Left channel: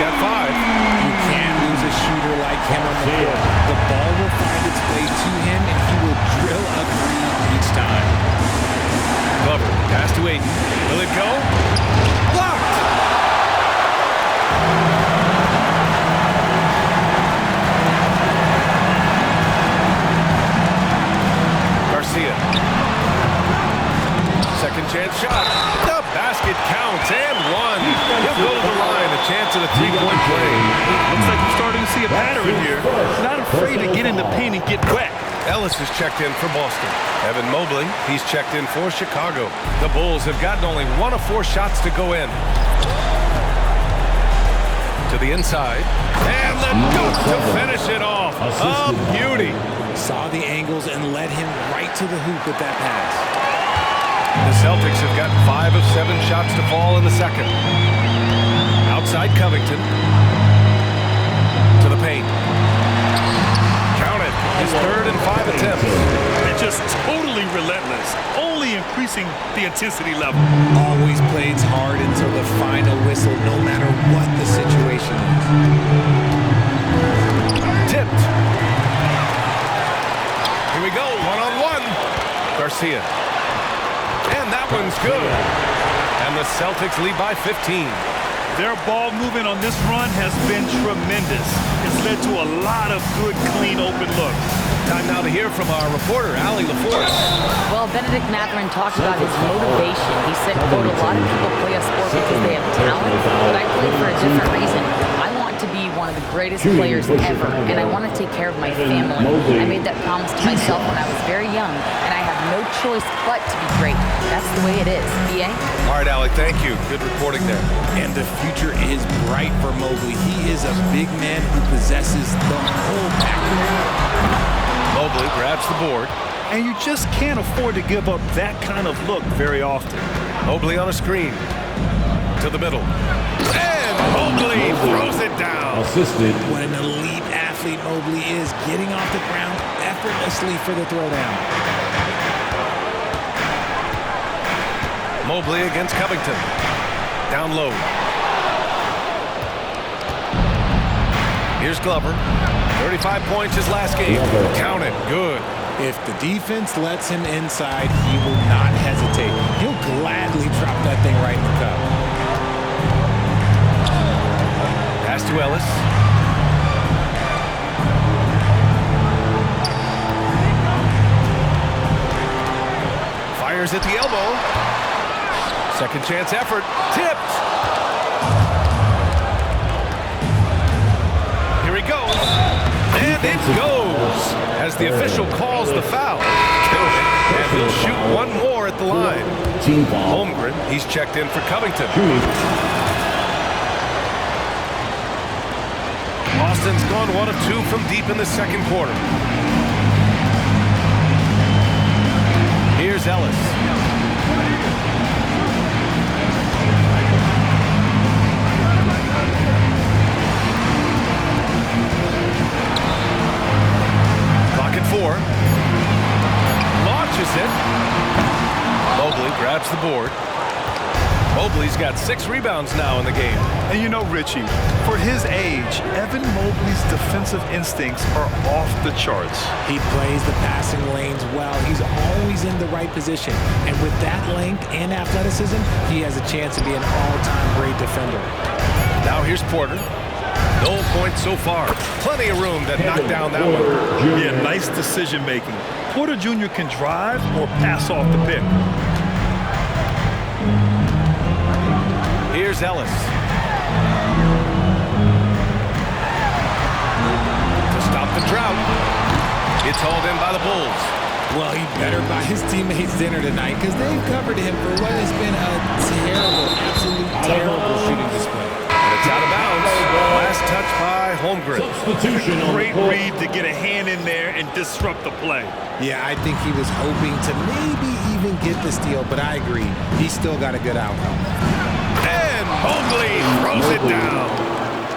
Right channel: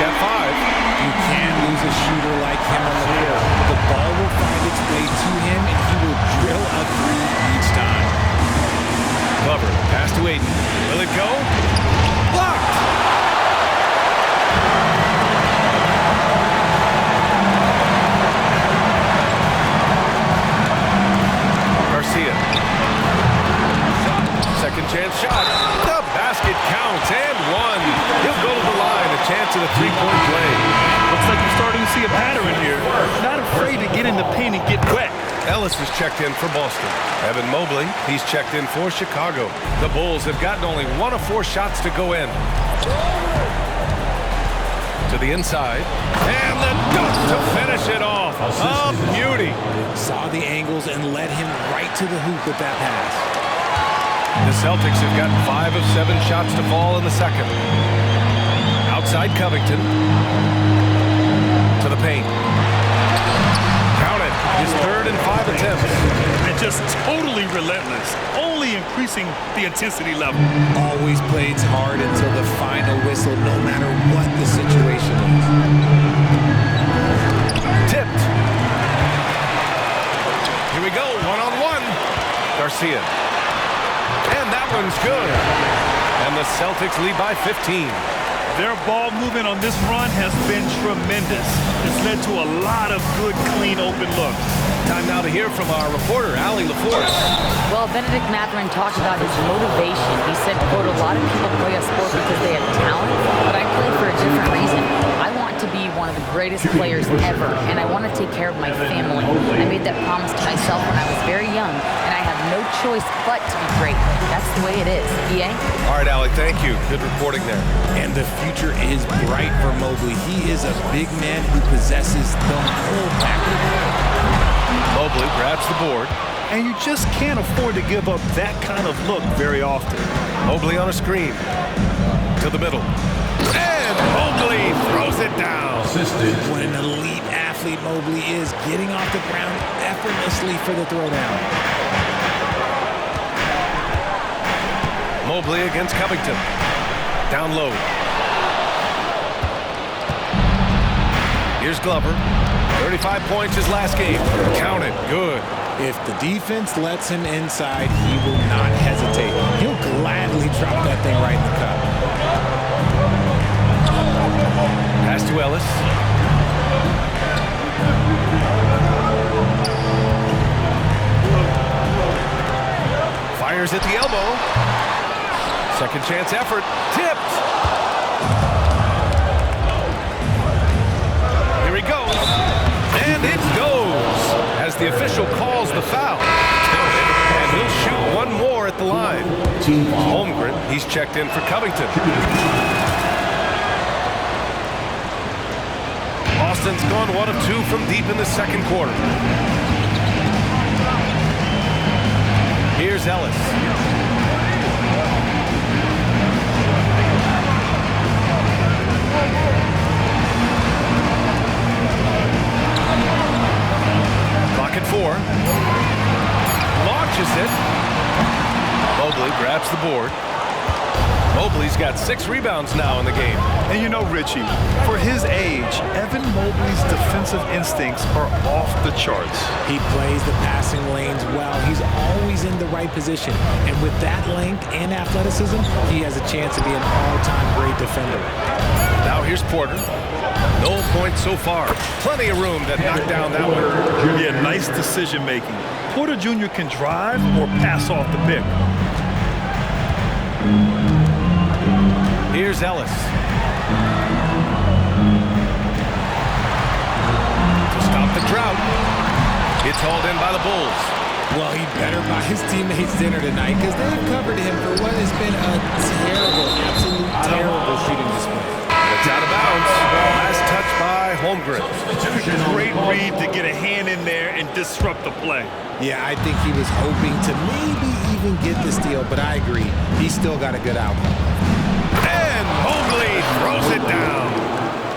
got 5. You can't lose a shooter like him on the court. The ball will find its way to him, and he will drill a 3 each time. Glover, pass to Ayton. Will it go? Blocked! Garcia. Second chance shot. The basket counts and 1. He'll go to the line. A chance at a 3-point play. Looks like you're starting to see a pattern here. Not afraid to get in the paint and get wet. Ellis is checked in for Boston. Evan Mobley, he's checked in for Chicago. The Bulls have gotten only 1 of 4 shots to go in. To the inside. And the dunk to finish it off. A beauty. Saw the angles and led him right to the hoop with that pass. The Celtics have gotten 5 of 7 shots to fall in the second. Outside Covington. To the paint. Count it. His 3rd and 5 attempts. And just totally relentless. Only increasing the intensity level. Always plays hard until the final whistle, no matter what the situation is. Tipped. Here we go. 1-on-1. Garcia. And that one's good. And the Celtics lead by 15. Their ball movement on this run has been tremendous. It's led to a lot of good, clean, open looks. Time now to hear from our reporter, Allie LaForce. Well, Benedict Mathurin talked about his motivation. He said, quote, "A lot of people play a sport because they have talent, but I play for a different reason. I want to be one of the greatest players ever, and I want to take care of my family. I made that promise to myself when I was very young, and I have no choice but to be great. That's the way it is." B.A.? All right, Allie, thank you. Good reporting there. And the future is bright for Mobley. He is a big man who possesses the whole package. Mobley grabs the board. And you just can't afford to give up that kind of look very often. Mobley on a screen. To the middle. And Mobley throws it down. Assisted. What an elite athlete Mobley is, getting off the ground effortlessly for the throwdown. Mobley against Covington. Down low. Here's Glover. 35 points his last game. Count it. Good. If the defense lets him inside, he will not hesitate. He'll gladly drop that thing right in the cup. Pass to Ellis. Fires at the elbow. Second chance effort. Tipped. Here he goes. And it goes. As the official calls the foul. Count it. And he'll shoot 1 more at the line. Team foul. Holmgren, he's checked in for Covington. Boston's gone 1 of 2 from deep in the second quarter. Here's Ellis. Clock at 4. Launches it. Mobley grabs the board. Mobley's got 6 rebounds now in the game. And you know, Richie, for his age, Evan Mobley's defensive instincts are off the charts. He plays the passing lanes well. He's always in the right position. And with that length and athleticism, he has a chance to be an all-time great defender. Now here's Porter. No points so far. Plenty of room to knock down that one. Yeah, nice decision making. Porter Jr. can drive or pass off the pick. Here's Ellis. To stop the drought. It's hauled in by the Bulls. Well, he better buy his teammates dinner tonight because they've covered him for what has been a terrible, absolute terrible shooting display. And it's out of bounds. Last touch by Holmgren. Great read to get a hand in there and disrupt the play. Yeah, I think he was hoping to maybe even get the steal, but I agree. He's still got a good outcome. And Mobley throws it down.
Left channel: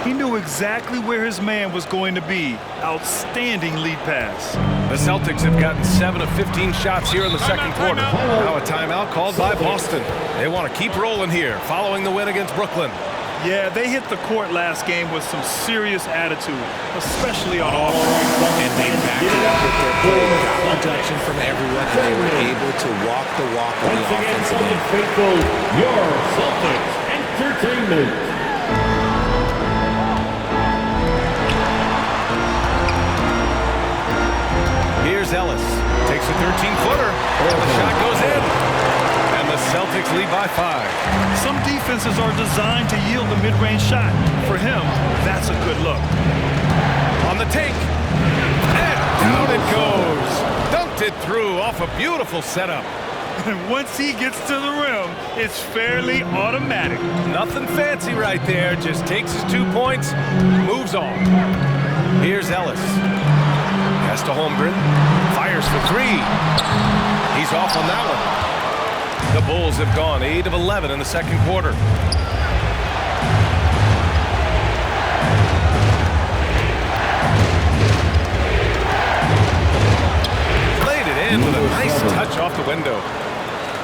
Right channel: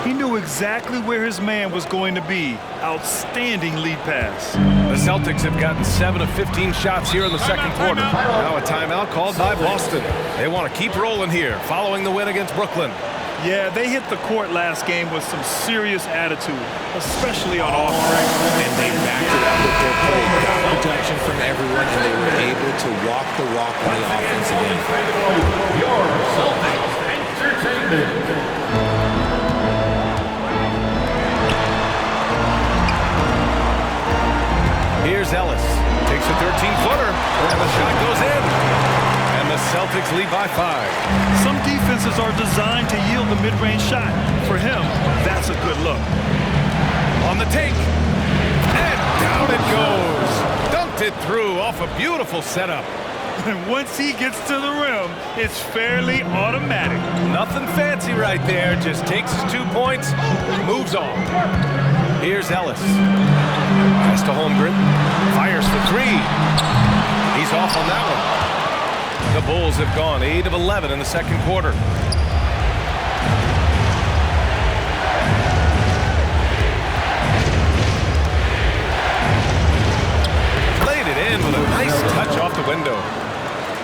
He knew exactly where his man was going to be. Outstanding lead pass. The Celtics have gotten 7 of 15 shots here in the second quarter. Now a timeout called by Boston. They want to keep rolling here following the win against Brooklyn. Yeah, they hit the court last game with some serious attitude, especially on offense. And they backed it up with their play, got production from everyone, and they were able to walk the walk on the offensive end. Your Celtics Entertainment. Here's Ellis. Takes a 13-footer, and the shot goes in. And the Celtics lead by 5. Some defenses are designed to yield the mid-range shot. For him, that's a good look. On the take. And down it goes. Dunked it through off a beautiful setup. And once he gets to the rim, it's fairly automatic. Nothing fancy right there. Just takes his 2 points, moves on. Here's Ellis. Pass to Holmgren. Fires for 3. He's off on that one. The Bulls have gone 8 of 11 in the second quarter. Laid it in with a nice touch off the window.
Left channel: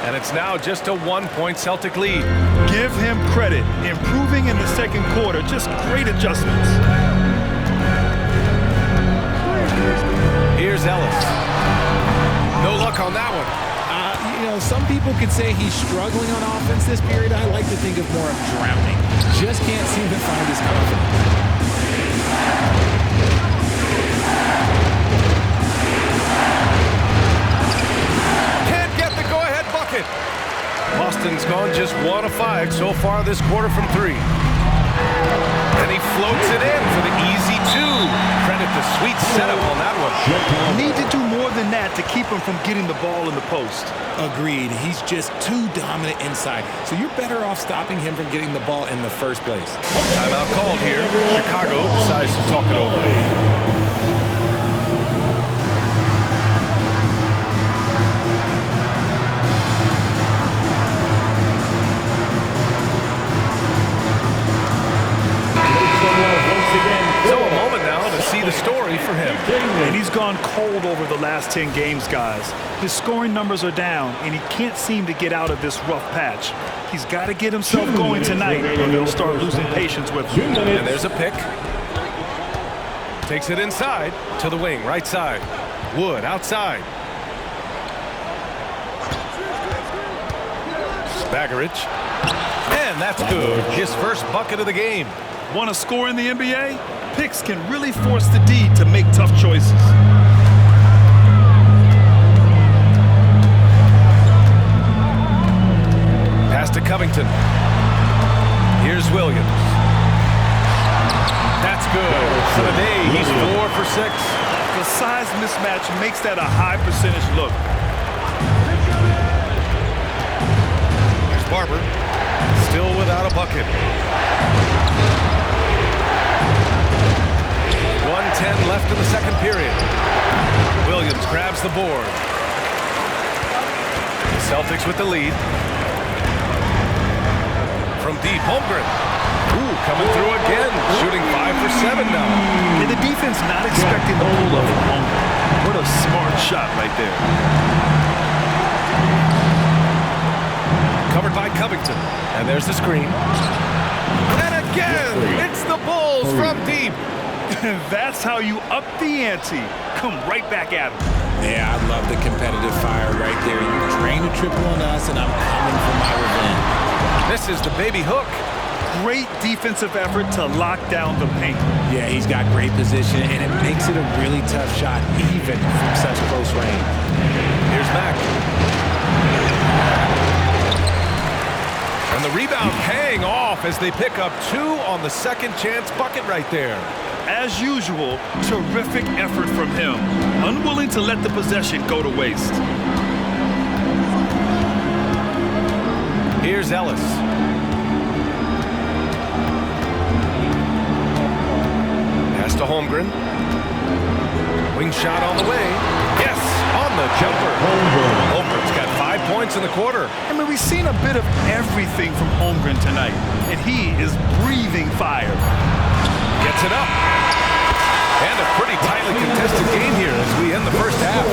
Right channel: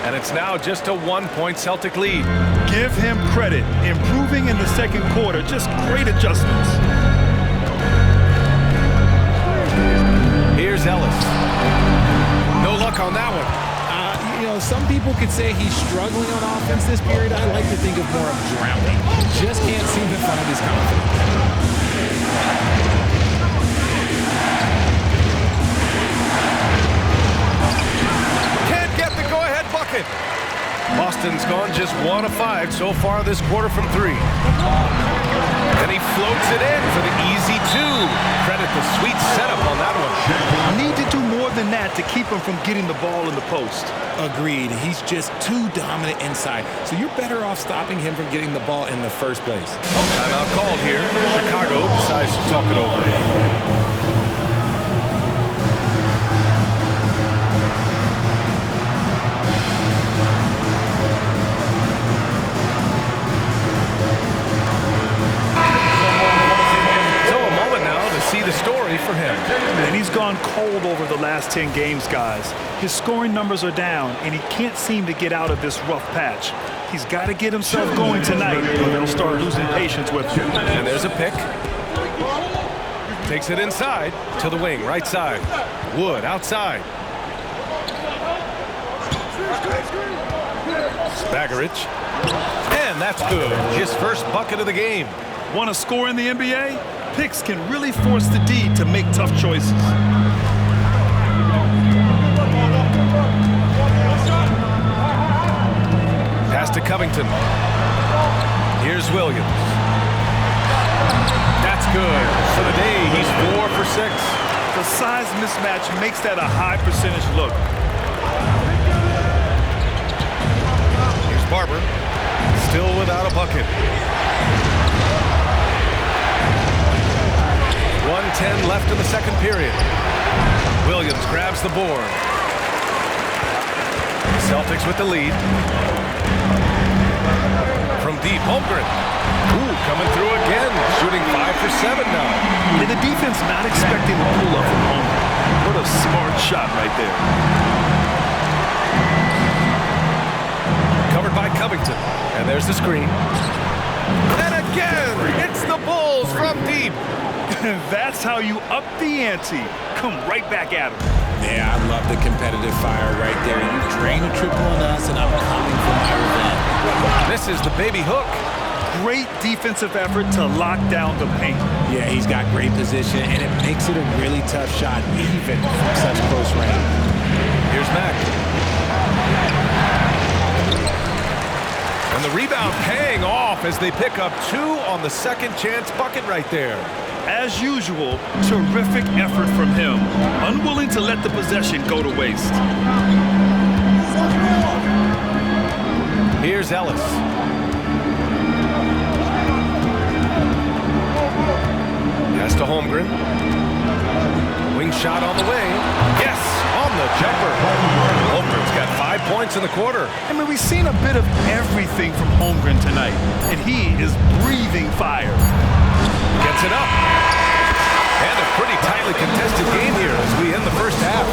And it's now just a 1-point Celtic lead. Give him credit. Improving in the second quarter. Just great adjustments. Here's Ellis. No luck on that one. You know, some people could say he's struggling on offense this period. I like to think of more of drowning. Just can't seem to find his confidence. Can't get the go-ahead bucket. Boston's gone just 1 of 5 so far this quarter from 3. And he floats it in for the easy 2. Credit the sweet setup on that one. Need to do more than that to keep him from getting the ball in the post. Agreed. He's just too dominant inside. So you're better off stopping him from getting the ball in the first place. Timeout called here. Chicago decides to talk it over. See the story for him. And he's gone cold over the last 10 games, guys. His scoring numbers are down, and he can't seem to get out of this rough patch. He's got to get himself going tonight, or they'll start losing patience with him. And there's a pick. Takes it inside to the wing, right side. Wood outside. Bagaric. And that's good. His first bucket of the game. Want to score in the NBA? Picks can really force the D to make tough choices. Pass to Covington. Here's Williams. That's good. For the day, he's 4 for 6. The size mismatch makes that a high percentage look. Here's Barber. Still without a bucket. 1:10 left in the second period. Williams grabs the board. The Celtics with the lead. From deep, Holmgren. Ooh, coming through again. Shooting 5 for 7 now. And the defense not expecting the pull-up from Holmgren. What a smart shot right there. Covered by Covington. And there's the screen. And again, it's the Bulls from deep. That's how you up the ante. Come right back at him. Yeah, I love the competitive fire right there. You drain a triple on us, and I'm coming for my revenge. This is the baby hook. Great defensive effort to lock down the paint. Yeah, he's got great position, and it makes it a really tough shot, even from such close range. Here's Mack. And the rebound paying off as they pick up 2 on the second chance bucket right there. As usual, terrific effort from him. Unwilling to let the possession go to waste. Here's Ellis. Pass to Holmgren. Wing shot on the way. Yes, on the jumper. Holmgren's got 5 points in the quarter. I mean, we've seen a bit of everything from Holmgren tonight, and he is breathing fire. Gets it up. And a pretty tightly contested game here as we end the first half.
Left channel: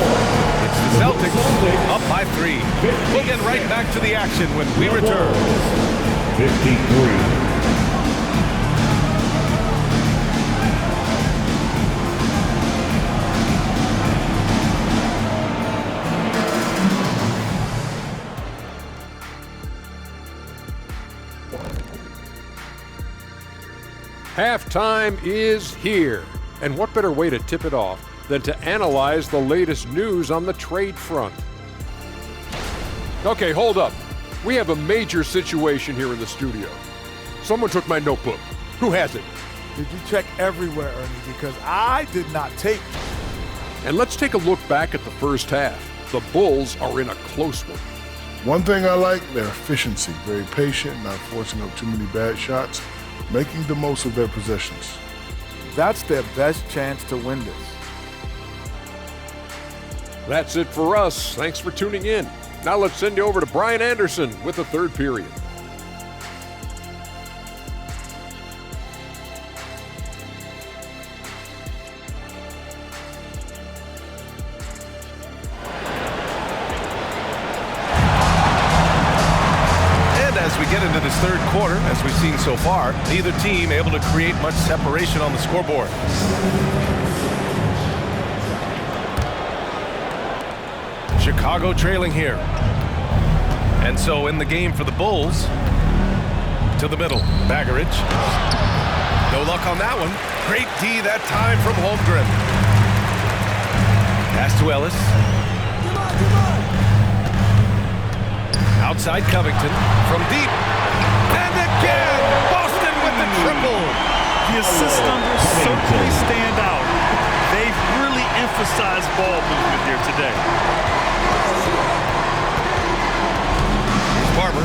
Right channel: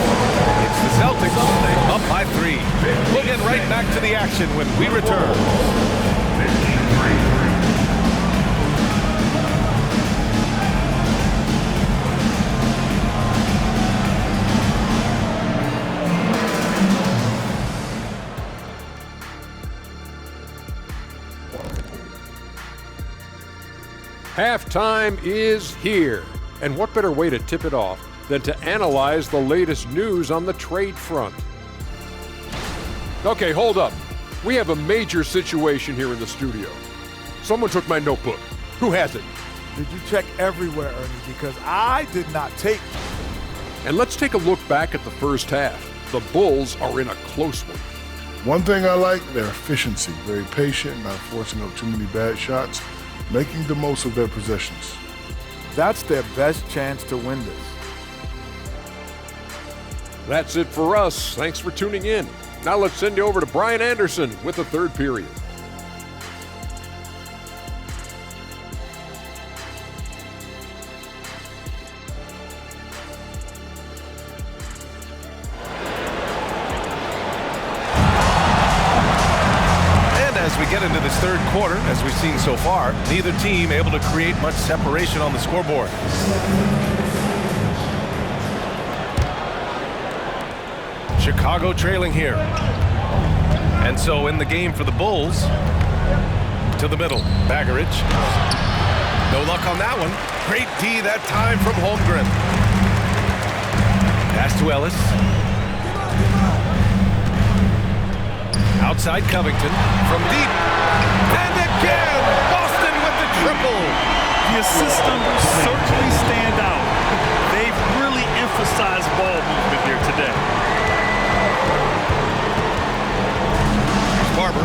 It's the Celtics up by 3. We'll get right back to the action when we return. 53. Halftime is here. And what better way to tip it off than to analyze the latest news on the trade front? Okay, hold up. We have a major situation here in the studio. Someone took my notebook. Who has it? Did you check everywhere, Ernie? Because I did not take. And let's take a look back at the first half. The Bulls are in a close one. One thing I like, their efficiency. Very patient, not forcing up too many bad shots, making the most of their possessions. That's their best chance to win this. That's it for us. Thanks for tuning in. Now let's send you over to Brian Anderson with the third period. As we get into this third quarter, as we've seen so far, neither team able to create much separation on the scoreboard. Chicago trailing here. And so in the game for the Bulls, to the middle, Bagaric. No luck on that one. Great D that time from Holmgren. Pass to Ellis. Outside Covington from deep. And again, Boston with the triple. The assist numbers certainly stand out. They've really emphasized ball movement here today. Here's Barber.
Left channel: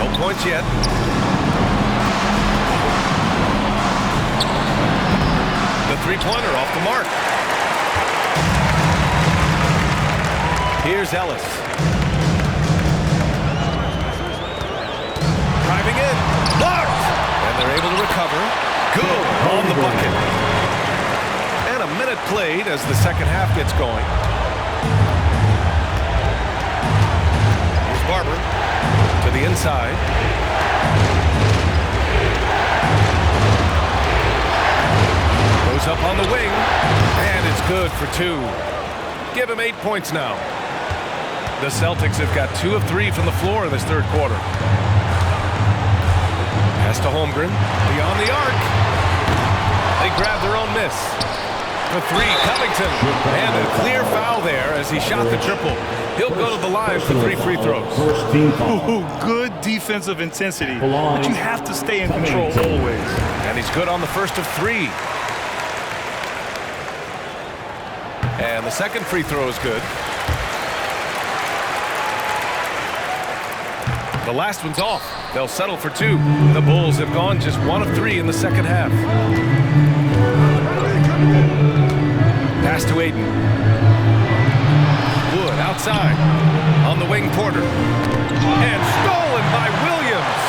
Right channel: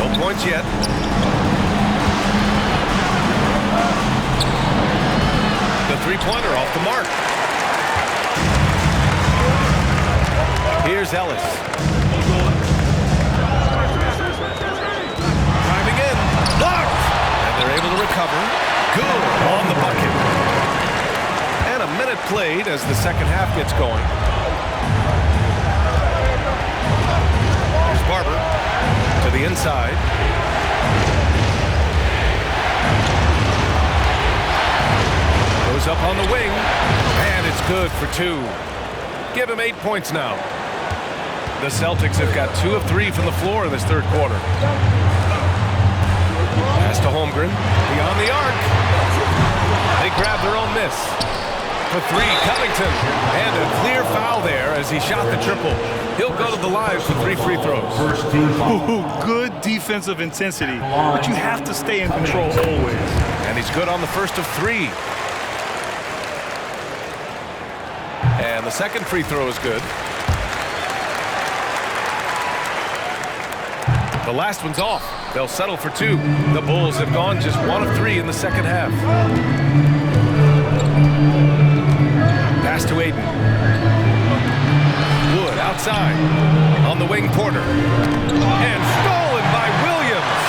No points yet. The three-pointer off the mark. Here's Ellis. Driving in, blocked, and they're able to recover. Good on the bucket. And a minute played as the second half gets going. Here's Barber to the inside. Goes up on the wing, and it's good for two. Give him 8 points now. The Celtics have got 2 of 3 from the floor in this third quarter. Pass to Holmgren, beyond the arc. They grab their own miss. For 3, Covington. And a clear foul there as he shot the triple. He'll go to the line for 3 free throws. Ooh, good defensive intensity, but you have to stay in control always. And he's good on the first of 3. And the second free throw is good. The last one's off. They'll settle for 2. The Bulls have gone just 1 of 3 in the second half. Pass to Ayton. Wood outside. On the wing, Porter. And stolen by Williams.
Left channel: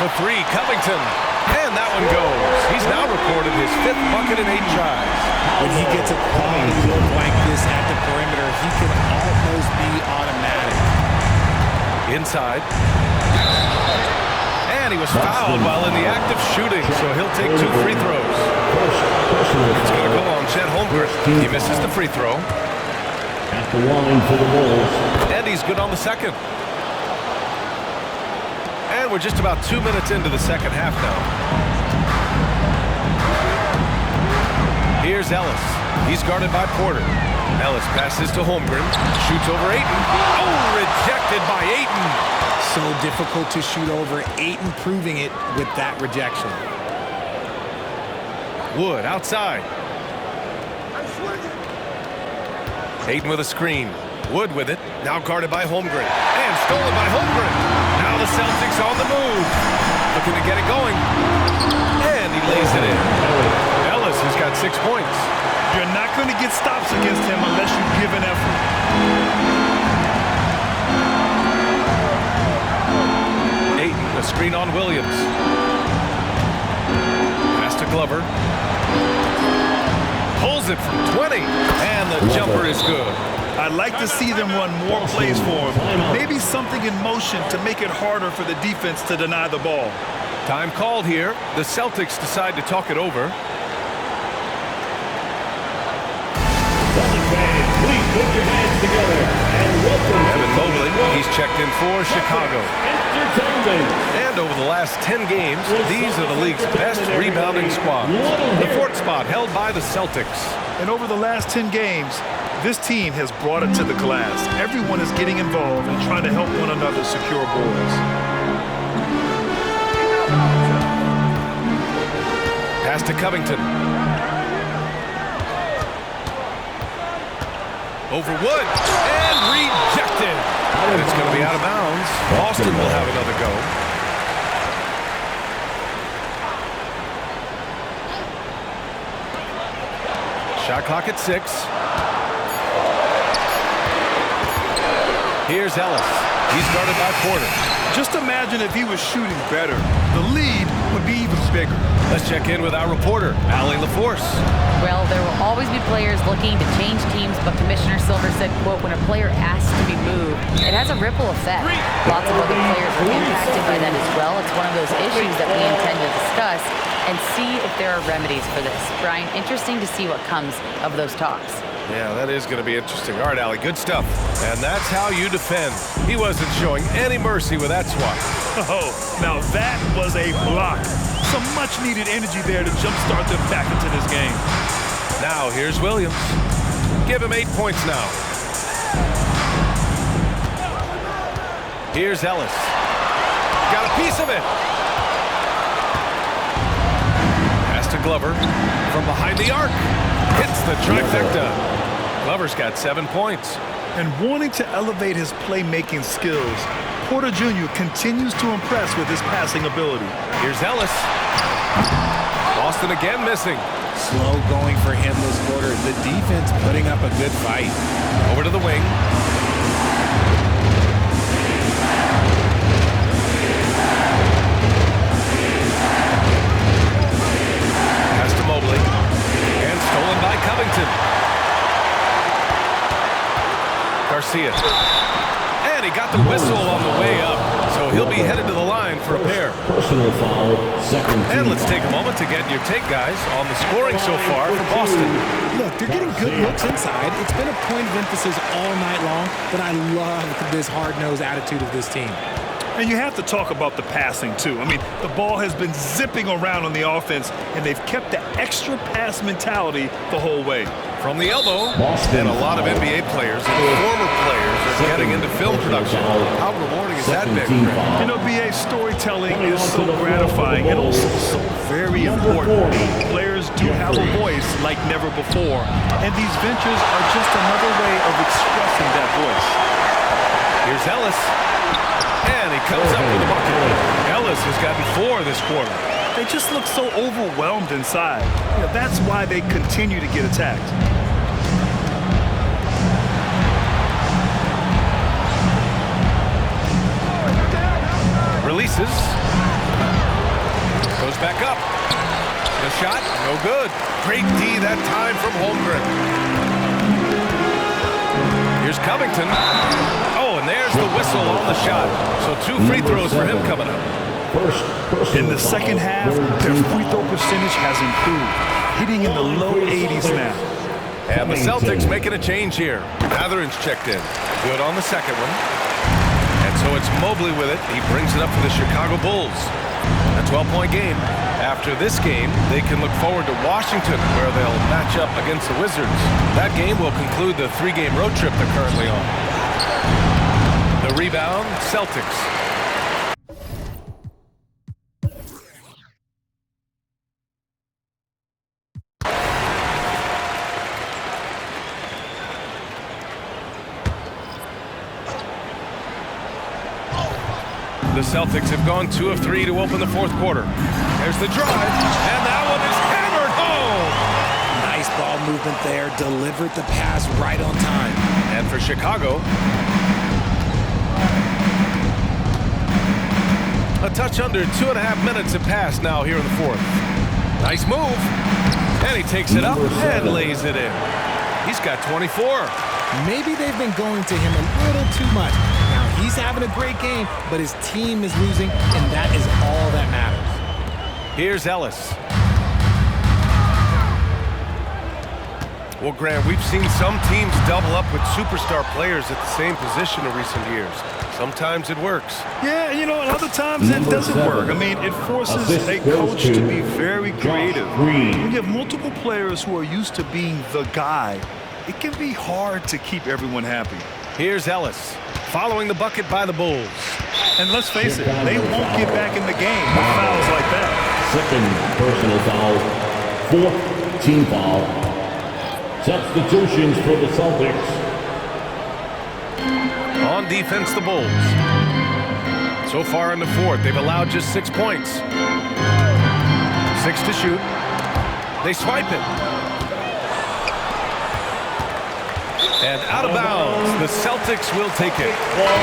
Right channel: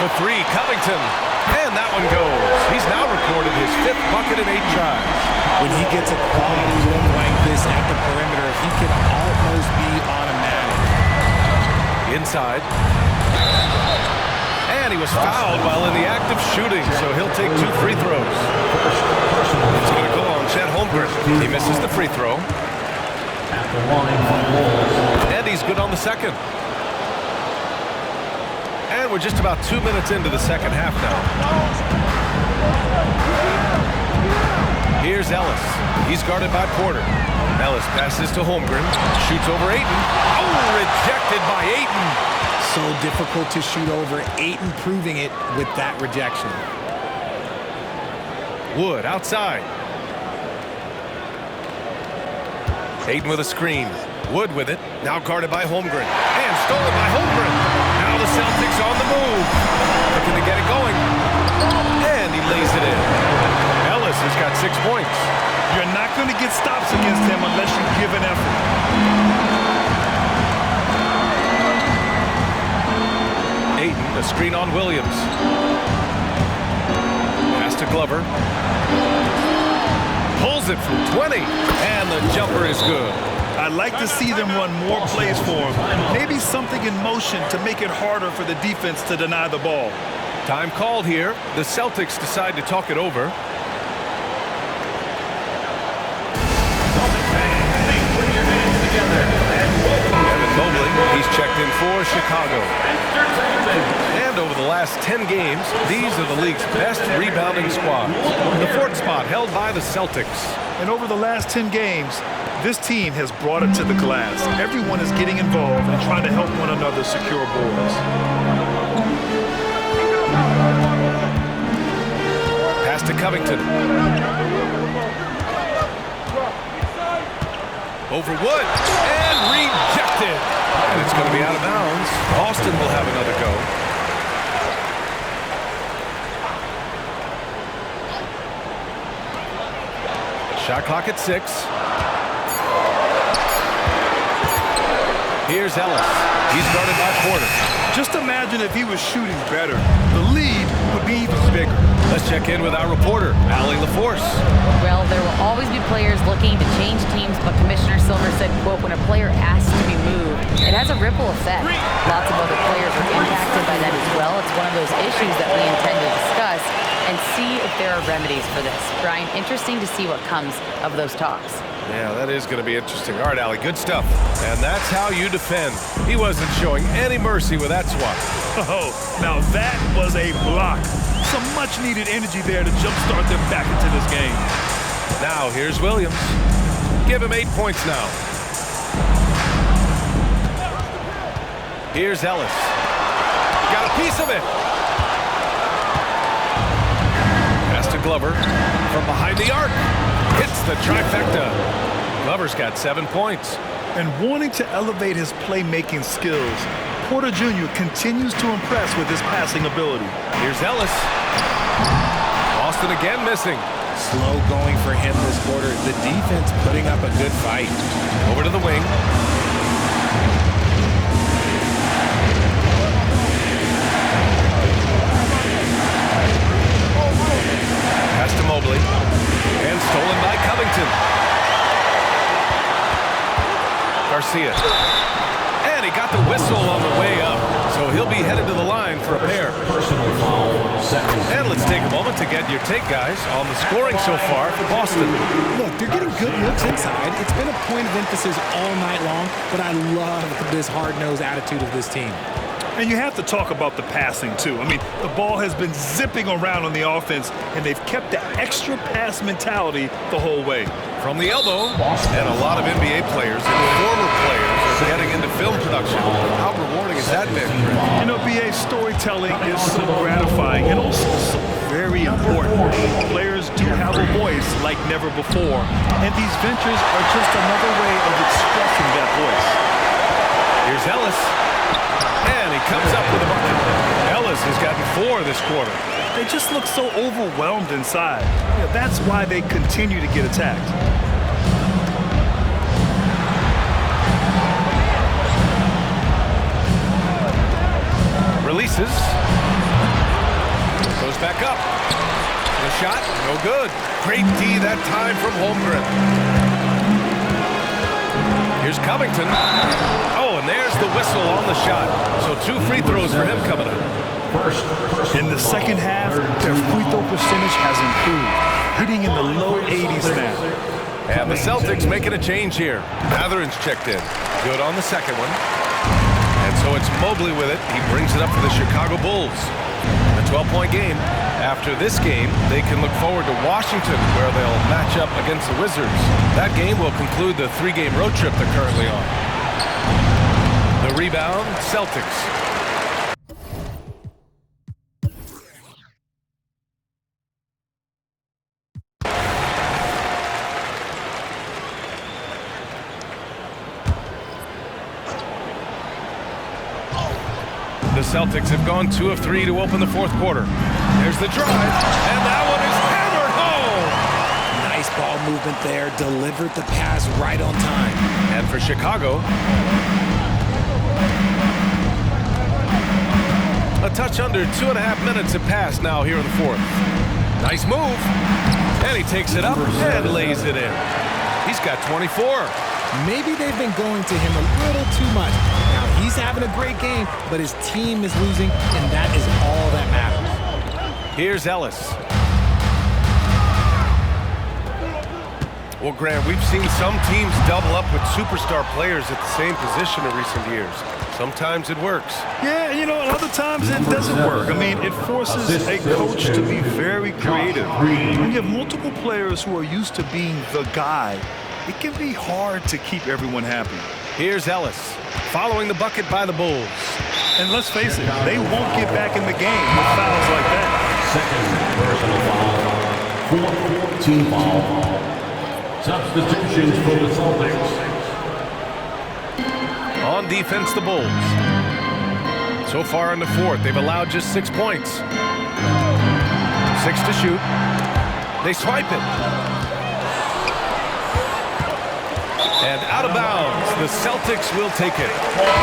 For 3, Covington. And that one goes. He's now recorded his 5th bucket in 8 tries. When he gets a quality look like this at the perimeter, he can almost be automatic. Inside. And he was fouled while in the act of shooting, so he'll take 2 free throws. It's going to go on Chet Holmgren. He misses the free throw. At the line for the Bulls. And he's good on the second. And we're just about 2 minutes into the second half now. Here's Ellis. He's guarded by Porter. Ellis passes to Holmgren. Shoots over Ayton. Oh, rejected by Ayton. So difficult to shoot over. Ayton proving it with that rejection. Wood outside. Ayton with a screen. Wood with it. Now guarded by Holmgren. And stolen by Holmgren. Now the Celtics on the move. Looking to get it going. And he lays it in. Ellis has got 6 points. You're not going to get stops against him unless you give an effort. Ayton, a screen on Williams. Pass to Glover. Pulls it from 20. And the jumper is good. I'd like to see them run more plays for him. Maybe something in motion to make it harder for the defense to deny the ball. Time called here. The Celtics decide to talk it over. Evan Mobley, he's checked in for Chicago. And over the last 10 games, these are the league's best rebounding squads. The fourth spot held by the Celtics. And over the last 10 games, this team has brought it to the glass. Everyone is getting involved and trying to help one another secure boards. Pass to Covington. Over Wood, and rejected. And it's going to be out of bounds. Boston will have another go. Shot clock at 6. Here's Ellis. He's guarded by Porter. Just imagine if he was shooting better. The lead would be even bigger. Let's check in with our reporter, Allie LaForce. Well, there will always be players looking to change teams, but Commissioner Silver said, quote, when a player asks to be moved, it has a ripple effect. Lots of other players are impacted by that as well. It's one of those issues that we intend to discuss and see if there are remedies for this. Brian, interesting to see what comes of those talks. Yeah, that is going to be interesting. All right, Allie, good stuff. And that's how you defend. He wasn't showing any mercy with that swat. Oh, now that was a block. Some much-needed energy there to jumpstart them back into this game. Now, here's Williams. Give him 8 points now. Here's Ellis. Got a piece of it. Pass to Glover from behind the arc. Hits the trifecta. Glover's got 7 points. And wanting to elevate his playmaking skills, Porter Jr. continues to impress with his passing ability. Here's Ellis. Boston again missing. Slow going for him this quarter. The defense putting up a good fight. Over to the wing. Pass to Mobley. And stolen by Covington. Garcia. And he got the whistle on the way up. So he'll be headed to the line for a pair. Personal foul, second. And let's take a moment to get your take, guys, on the scoring so far for Boston. Look, they're getting good looks inside. It's been a point of emphasis all night long, but I love this hard-nosed attitude of this team. And you have to talk about the passing, too. I mean, the ball has been zipping around on the offense, and they've kept the extra pass mentality the whole way. From the elbow, and a lot of NBA players and former players are getting into film production. How rewarding has that been, Greg? You know, BA, storytelling is so gratifying and also so very important. Players do have a voice like never before, and these ventures are just another way of expressing that voice. Here's Ellis. And he comes up with a bucket. Ellis has gotten 4 this quarter. They just look so overwhelmed inside. You know, that's why they continue to get attacked. Releases. Goes back up. The shot, no good. Great D that time from Holmgren. Here's Covington. Oh, and there's the whistle on the shot. So 2 free throws for him coming up. In the second half, their free throw percentage has improved, hitting in the low 80s now. And the Celtics making a change here. Mathurin's checked in. Good on the second one. And so it's Mobley with it. He brings it up for the Chicago Bulls. A 12-point game. After this game, they can look forward to Washington, where they'll match up against the Wizards. That game will conclude the 3-game road trip they're currently on. The rebound, Celtics. The Celtics have gone 2 of 3 to open the fourth quarter. There's the drive, and that one is hammered home. Nice ball movement there, delivered the pass right on time. And for Chicago, a touch under 2.5 minutes have passed now here in the fourth. Nice move, and he takes it up and lays it in. He's got 24. Maybe they've been going to him a little too much. Now, he's having a great game, but his team is losing, and that is all that matters. Here's Ellis. Well, Grant, we've seen some teams double up with superstar players at the same position in recent years. Sometimes it works. Yeah, you know, and other times it doesn't work. I mean, it forces a coach to be very creative. When you have multiple players who are used to being the guy, it can be hard to keep everyone happy. Here's Ellis, following the bucket by the Bulls. And let's face it, they won't get back in the game with fouls like that. Second personal foul. Fourth team foul. Substitutions for the Celtics. On defense, the Bulls. So far in the fourth, they've allowed just 6 points. 6 to shoot. They swipe it. And out of bounds, the Celtics will take it.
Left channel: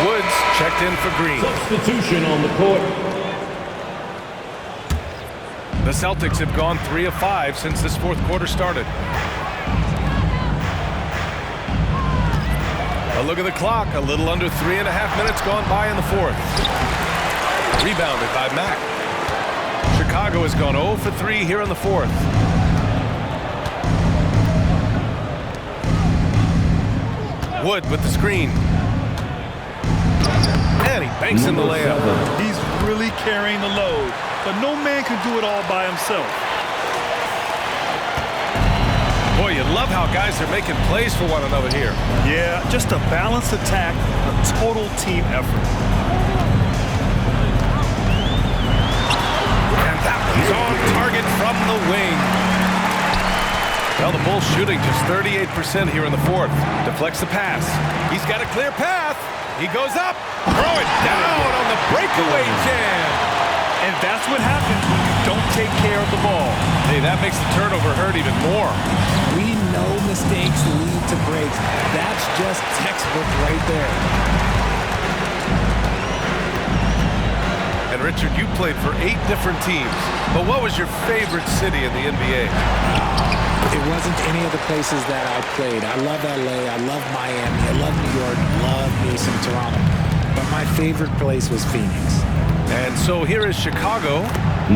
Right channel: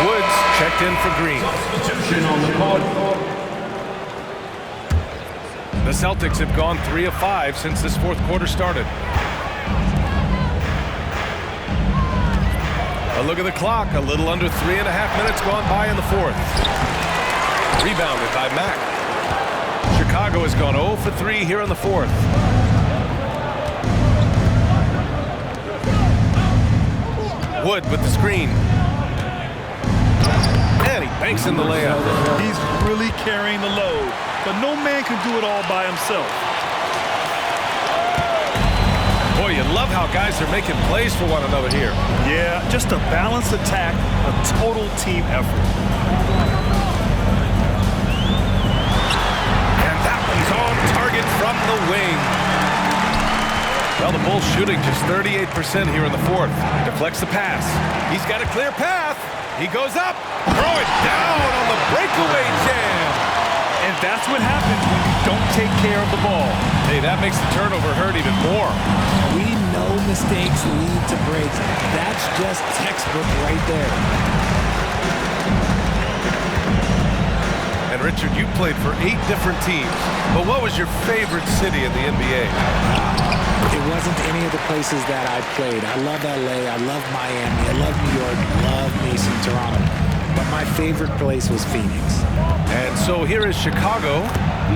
Woods checked in for Green. Substitution on the court. The Celtics have gone 3 of 5 since this fourth quarter started. A look at the clock, a little under 3.5 minutes gone by in the fourth. Rebounded by Mack. Chicago has gone 0 for 3 here in the fourth. Wood with the screen. And he banks in the layup. He's really carrying the load, but no man can do it all by himself. Boy, you love how guys are making plays for one another here. Yeah, just a balanced attack, a total team effort. And that one's on target from the wing. Well, the Bulls shooting just 38% here in the fourth. Deflects the pass. He's got a clear path. He goes up. Throw it down on the breakaway jam. And that's what happens when you don't take care of the ball. Hey, that makes the turnover hurt even more. We know mistakes lead to breaks. That's just textbook right there. And Richard, you played for 8 different teams. But what was your favorite city in the NBA? It wasn't any of the places that I played. I love LA, I love Miami, I love New York, love me some Toronto. But my favorite place was Phoenix. And so here is Chicago.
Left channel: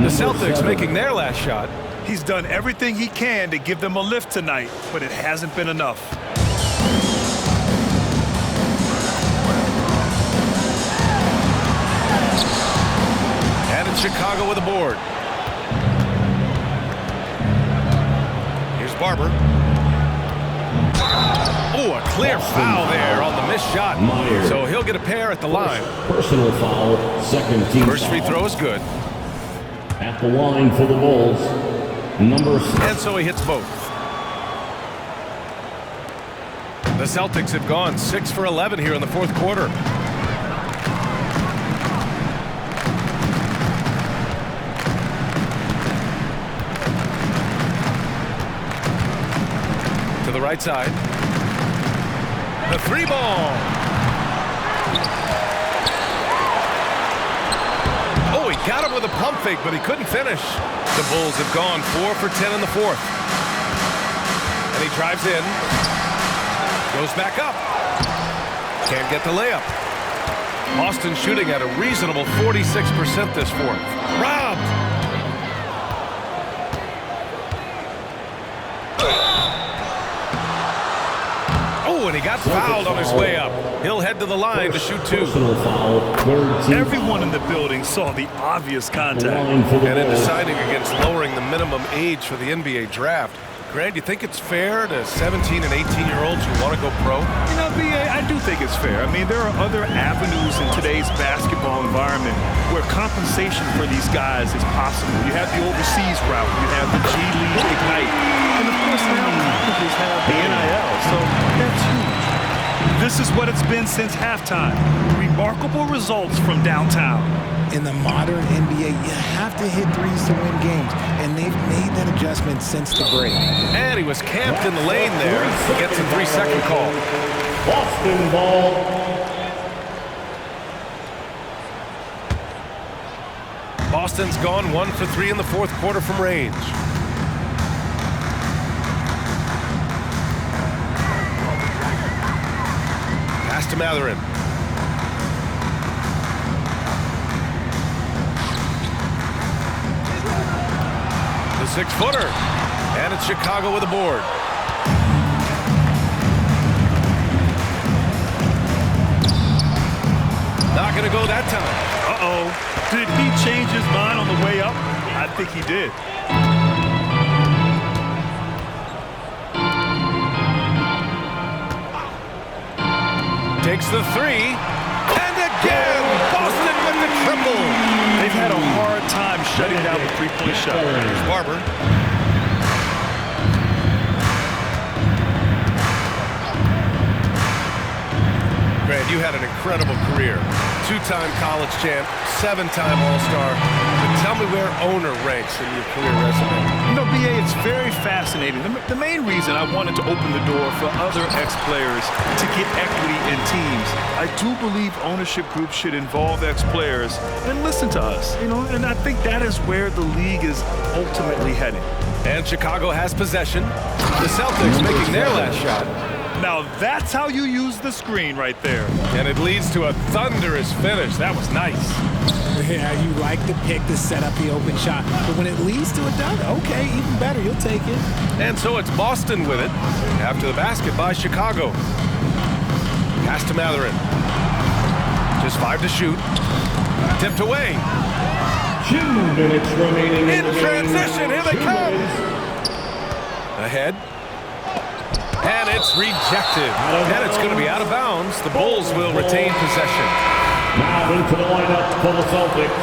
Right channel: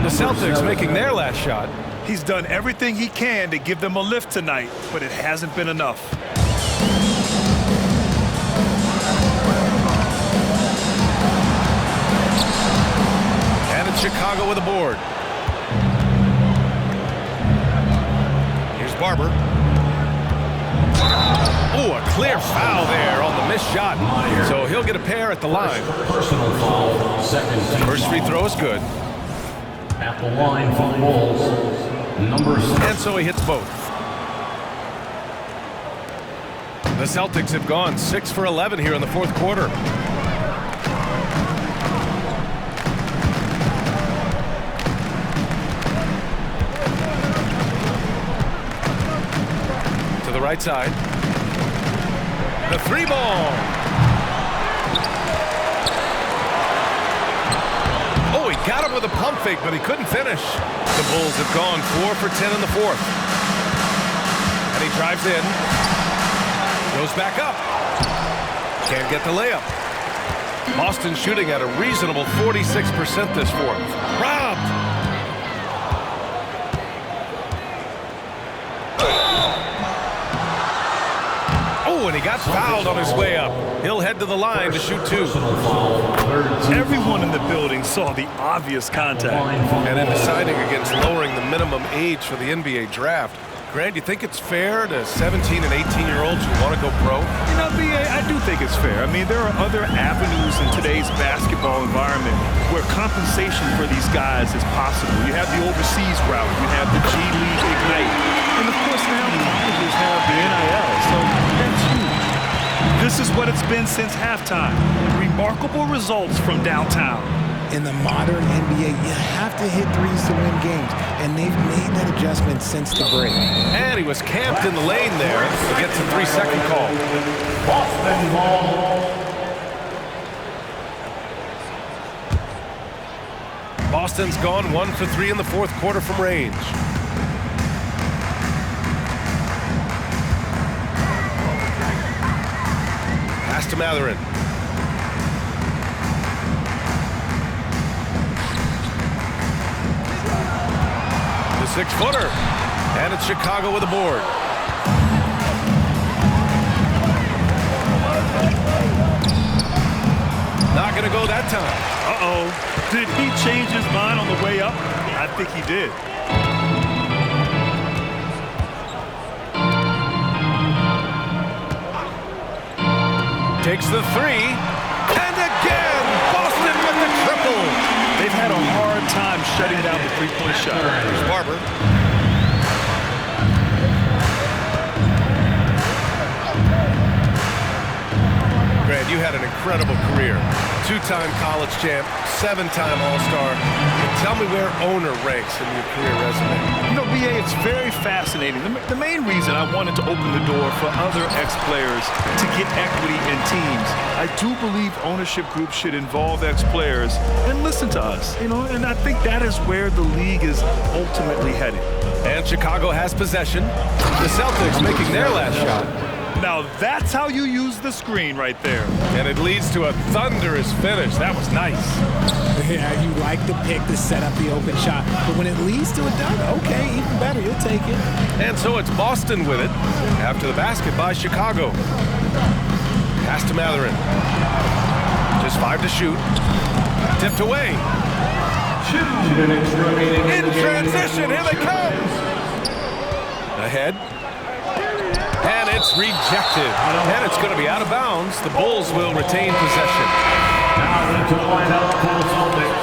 The Celtics making their last shot. He's done everything he can to give them a lift tonight, but it hasn't been enough. And it's Chicago with a board. Here's Barber. Oh, a clear foul there on the missed shot. So he'll get a pair at the line. Personal foul. Second team First free foul. throw is good. At the line for the Bulls. Number 6. And so he hits both. The Celtics have gone 6 for 11 here in the fourth quarter. To the right side. The 3-ball. Oh, he got him with a pump fake, but he couldn't finish. The Bulls have gone 4 for 10 in the fourth. And he drives in. Goes back up. Can't get the layup. Boston shooting at a reasonable 46% this fourth. Robbed. Oh, and he got fouled on his way up. He'll head to the line to shoot 2. Personal foul. Third team Everyone in the building saw the obvious contact. line for the And in Bulls. deciding against lowering the minimum age for the NBA draft, Grant, do you think it's fair to 17 and 18-year-olds who want to go pro? You know, B.A., I do think it's fair. I mean, there are other avenues in today's basketball environment where compensation for these guys is possible. You have the overseas route. You have the G League Ignite. And, of course, now colleges have the NIL, so that's huge. This is what it's been since halftime. Remarkable results from downtown. In the modern NBA, you have to hit threes to win games, and they've made that adjustment since the break. And he was camped in the lane there. He gets a 3-second call. Boston ball. Boston's gone 1 for 3 in the fourth quarter from range. Pass to Mathurin. The 6-footer. And it's Chicago with a board. Not going to go that time. Uh-oh. Did he change his mind on the way up? I think he did. Takes the three. And again, Boston with the triple. They've had a hard time shutting down the three-point shot. Here's Barber. Grant, you had an incredible career. Two-time college champ, seven-time All-Star. But tell me where owner ranks in your career resume. You know, B.A., it's very fascinating. The main reason I wanted to open the door for other ex-players to get equity in teams, I do believe ownership groups should involve ex-players and listen to us, you know, and I think that is where the league is ultimately heading. And Chicago has possession. The Celtics making their last shot. Now that's how you use the screen right there. And it leads to a thunderous finish. That was nice. Yeah, you like the pick to set up the open shot, but when it leads to a dunk, okay, even better, you'll take it. And so it's Boston with it after the basket by Chicago. Pass to Mathurin. Just 5 to shoot. Tipped away. 2 minutes remaining In transition, here they come. Ahead. And it's rejected. And it's going to be out of bounds. The Bulls will retain possession. Now into the lineup for the Celtics,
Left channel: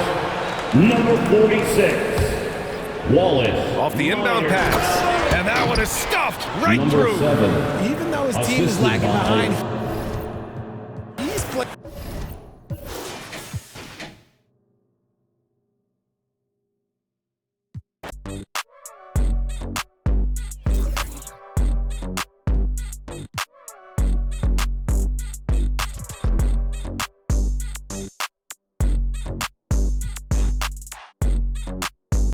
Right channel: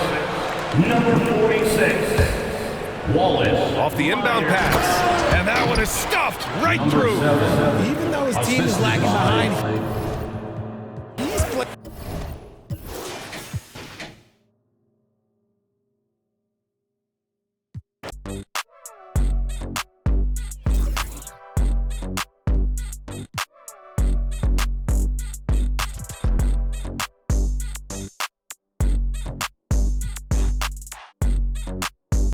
number 46, Wallace. Off the inbound pass. And that one is stuffed right Number through. 7. Even though his team is Assisted lagging by- behind, he's playing.